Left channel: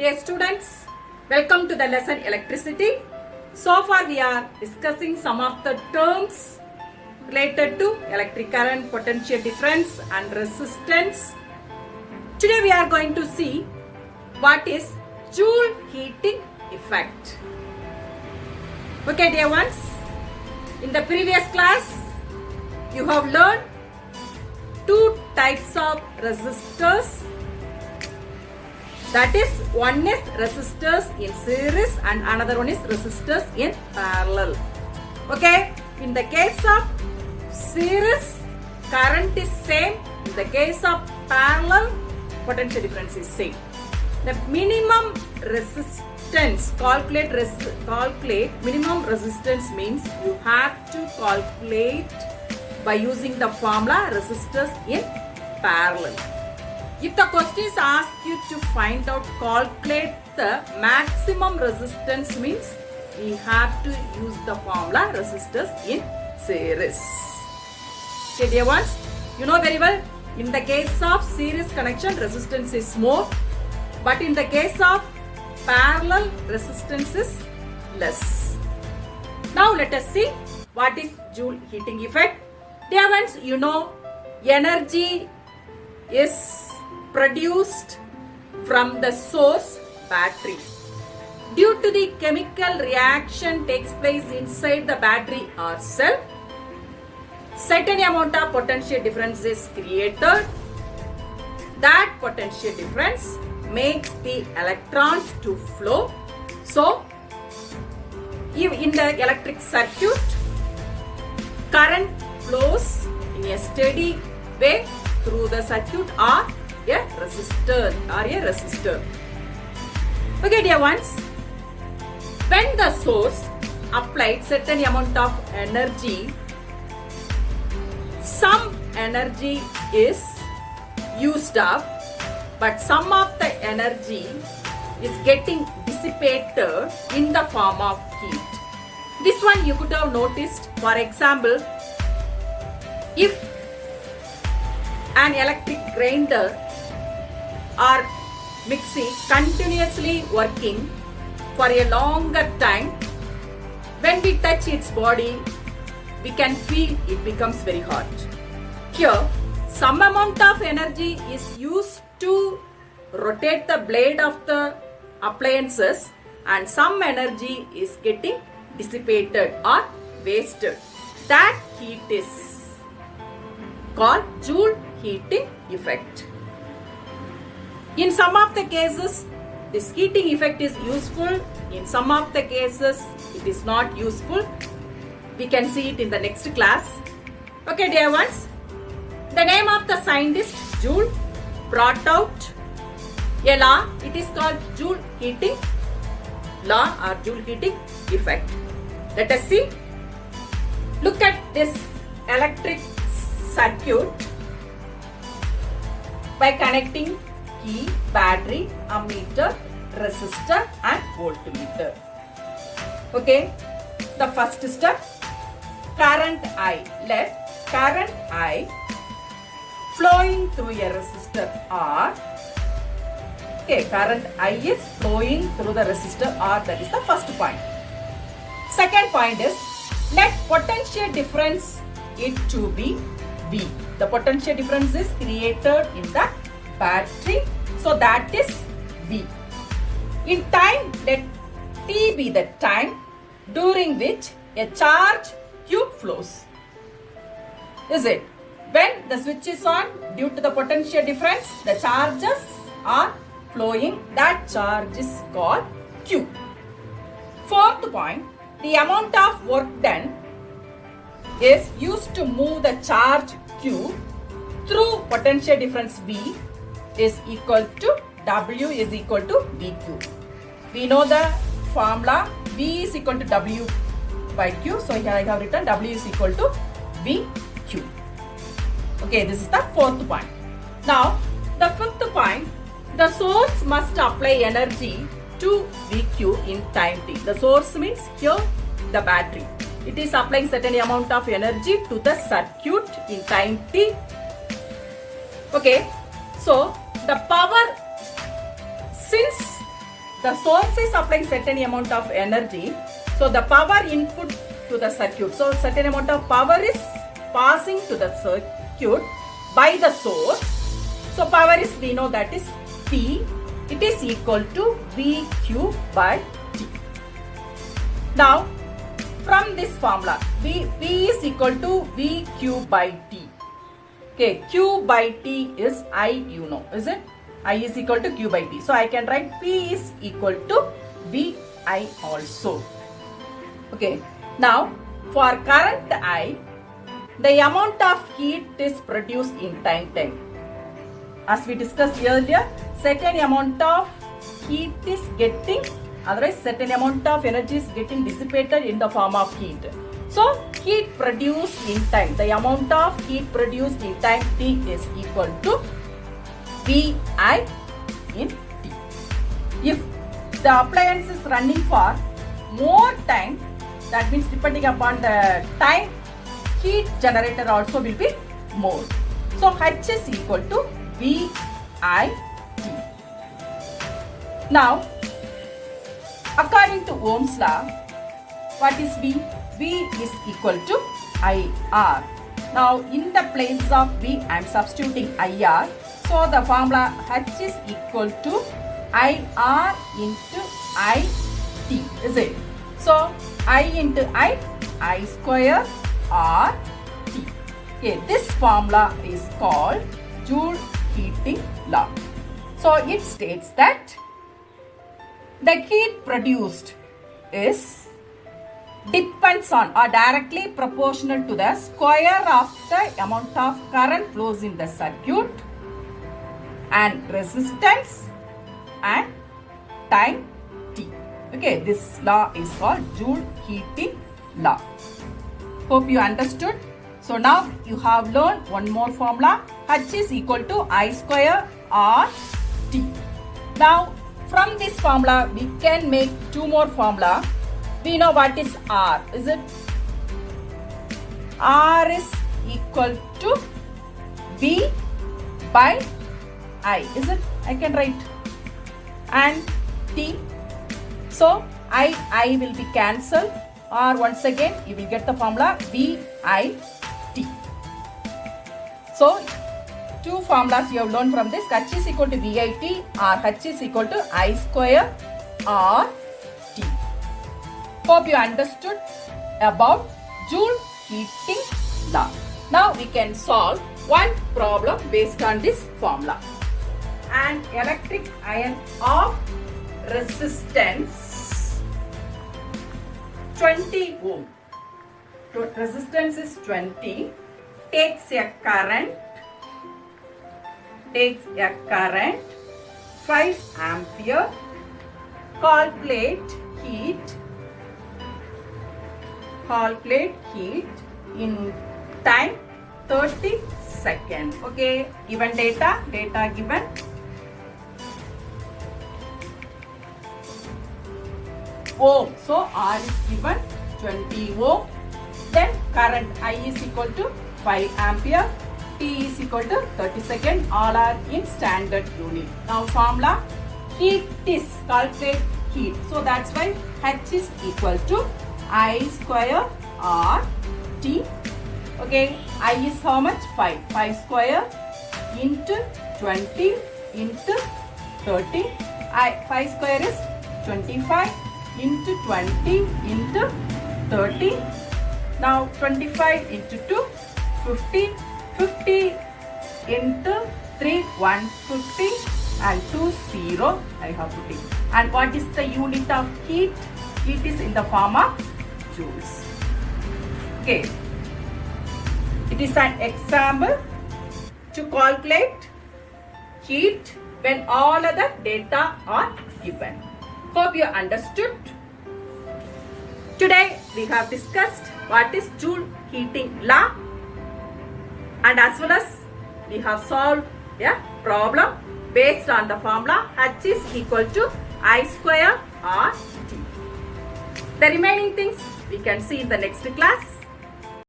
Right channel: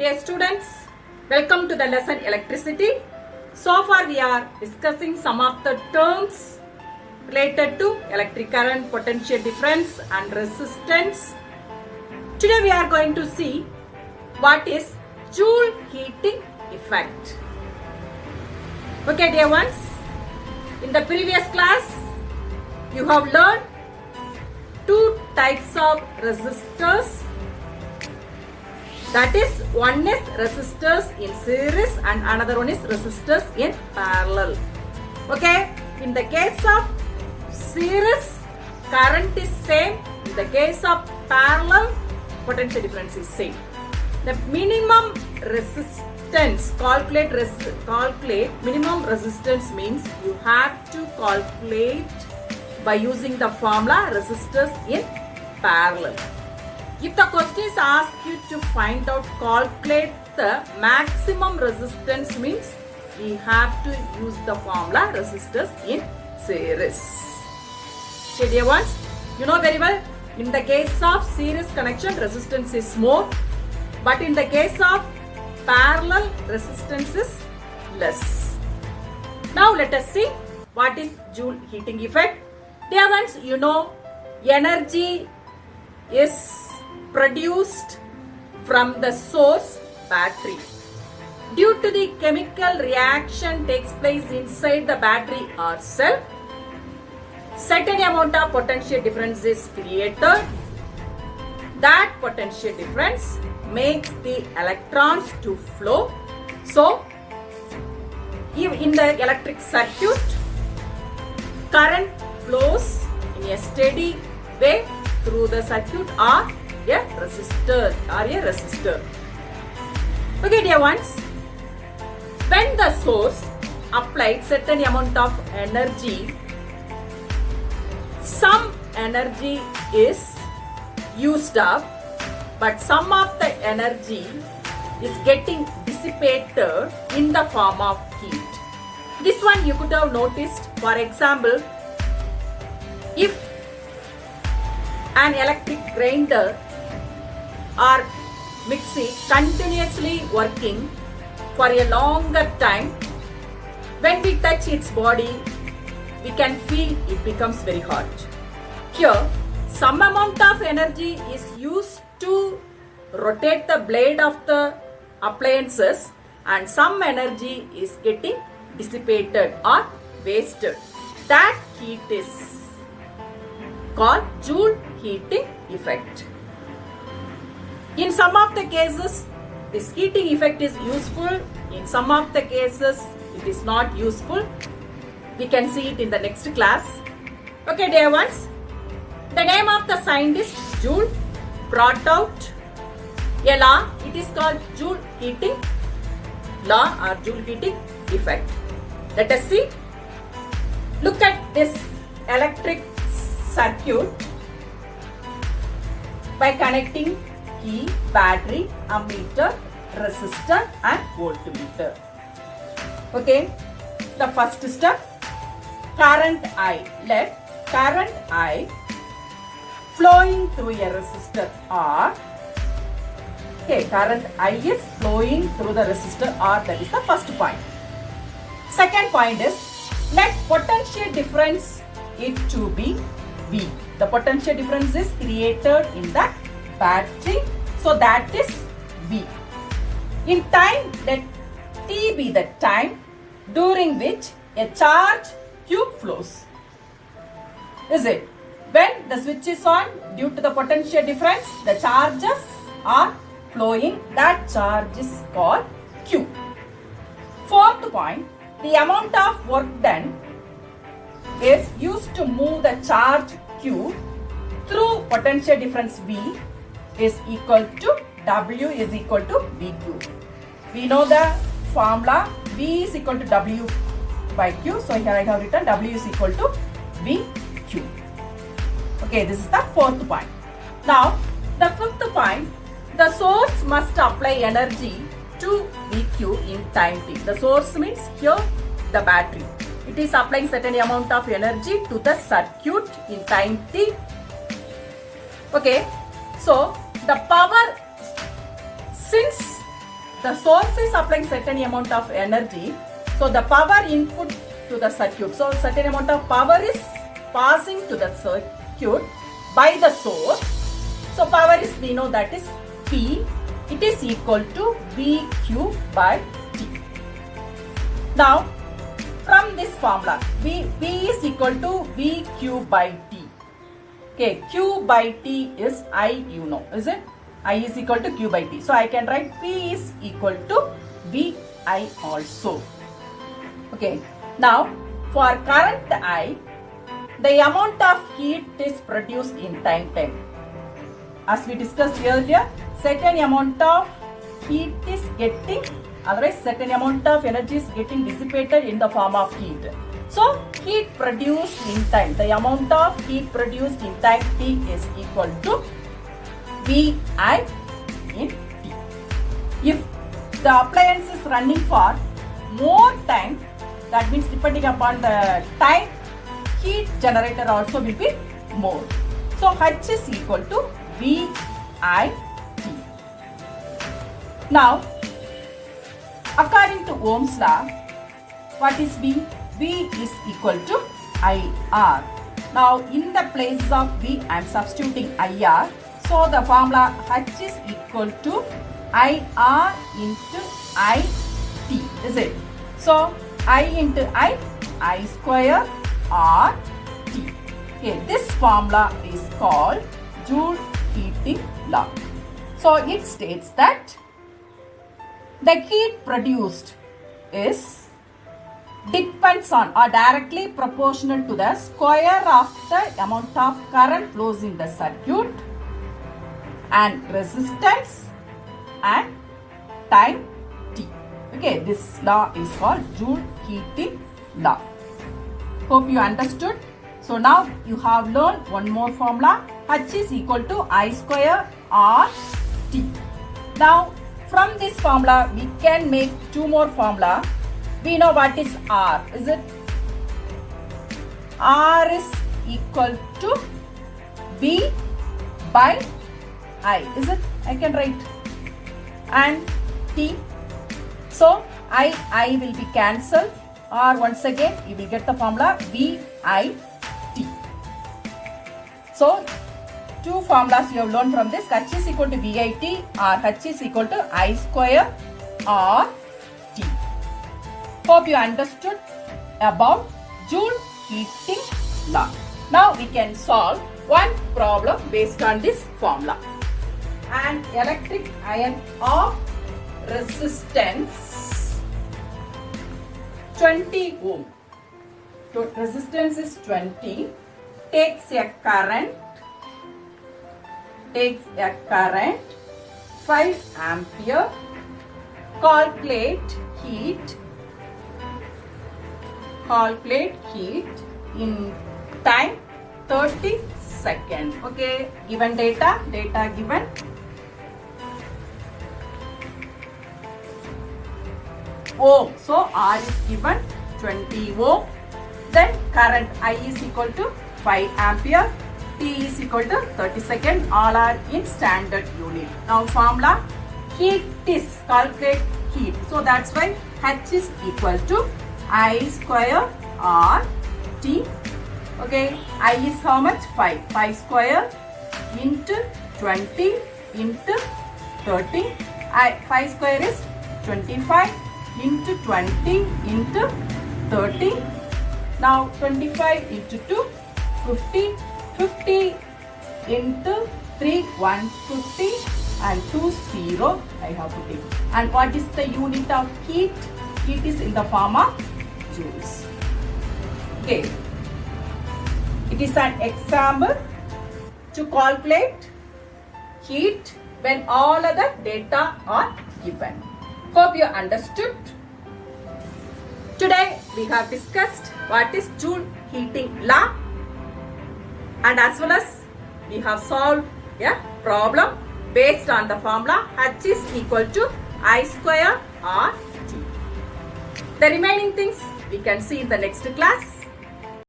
Dear students, welcome to the lesson Electricity. So far we are discussing some of the terms related to electric current, potential difference and resistance. Today we are going to see what is Joule heating effect. Okay dear ones, in the previous class you have learned two types of resistors. That is, one is resistors in series and another one is resistors in parallel. Okay, in the case of series, current is same. In the case of parallel, potential difference is same. The minimum resistance, calculate minimum resistance means you have to calculate by using the formula resistors in parallel. If the question is asked you to find out, calculate the maximum resistance means we have to use the formula resistors in series. Okay dear ones, you know very well, in the case of series connection resistance is more, but in the case of parallel resistance is less. Now let us see what is Joule heating effect. Dear ones, you know energy is produced from the source battery. Due to the chemical reaction takes place inside the battery or cell, certain amount of potential difference is created. That potential difference makes the electrons to flow. So, in the electric circuit, current flows in a steady way through the circuit or a resistor. Okay dear ones, when the source applied certain amount of energy, some energy is used up, but some of the energy is getting dissipated in the form of heat. This one you could have noticed. For example, if an electric grinder or mixie continuously working for a longer time, when we touch its body, we can feel it becomes very hot. Here, some amount of energy is used to rotate the blade of the appliances and some energy is getting dissipated or wasted. That heat is called Joule heating effect. In some of the cases, this heating effect is useful. In some of the cases, it is not useful. We can see it in the next class. Okay, dear ones. The name of the scientist Joule brought out a law. It is called Joule heating law or Joule heating effect. Let us see. Look at this electric circuit by connecting key, battery, ammeter, resistor and voltmeter. Okay, the first step, current I. Let current I flowing through a resistor R. Okay, current I is flowing through the resistor R. That is the first point. Second point is, let potential difference it to be V. The potential difference is created in the battery, so that is V. In time, let T be the time during which a charge Q flows. Is it? When the switch is on, due to the potential difference, the charges are flowing. That charge is called Q. Fourth point, the amount of work done is used to move the charge Q through potential difference V is equal to W is equal to VQ. We know the formula V is equal to W by Q. So here I have written W is equal to VQ. Okay, this is the fourth point. Now, the fifth point, the source must apply energy to VQ in time T. The source means here the battery. It is applying certain amount of energy to the circuit in time T. Okay, so the power, since the source is applying certain amount of energy. So the power input to the circuit. So certain amount of power is passing to the circuit by the source. So power is, we know that is P. It is equal to VQ by T. Now from this formula, P is equal to VQ by T. Okay, Q by T is I, you know, is it? I is equal to Q by T. So I can write P is equal to VI also. Okay, now for current I, the amount of heat is produced in time. As we discussed earlier, certain amount of heat is getting, otherwise certain amount of energy is getting dissipated in the form of heat. So heat produced in time, the amount of heat produced in time T is equal to VI in T. If the appliance is running for more time, that means depending upon the time, heat generator also will be more. So H is equal to VI T. Now, according to Ohm's law, what is V? V is equal to IR. Now, in the place of V, I am substituting IR. So, the formula H is equal to IR into IT, is it? So, I into I square R T. Okay, this formula is called Joule heating law. So, it states that the heat produced is depends on or directly proportional to the square of the amount of current flows in the circuit and resistance and time T. Okay, this law is called Joule heating law. Hope you understood. So now you have learned one more formula. H is equal to I square R T. Now from this formula we can make two more formula. We know what is R, is it? R is equal to V by I, is it? I can write. And T. So I will be cancelled. Or once again you will get the formula VI T. So two formulas you have learned from this. H is equal to VIT or H is equal to I square R T. Hope you understood about Joule heating law. Now we can solve one problem based on this formula. An electric iron of resistance 20 ohm. So resistance is 20. Takes a current 5 ampere. Calculate heat in time 30 seconds. Okay, given data given. Ohm. So R is given 20 ohm. Then current I is equal to 5 ampere. T is equal to 30 seconds. All are in standard unit. Now formula heat is calculate heat. So that's why H is equal to I square R T. Okay, I is how much? 5. 5 square into 20 into 30. 5 square is 25 into 20 into 30. Now 25 into 2, 50. 50 into 3, 150 and 2, 0. I have to take. And what is the unit of heat? Heat is in the form of joules. Okay. It is an example to calculate heat when all other data are given. Hope you understood. Today we have discussed what is Joule heating law, and as well as we have solved a problem based on the formula H is equal to I square R T. The remaining things we can see in the next class.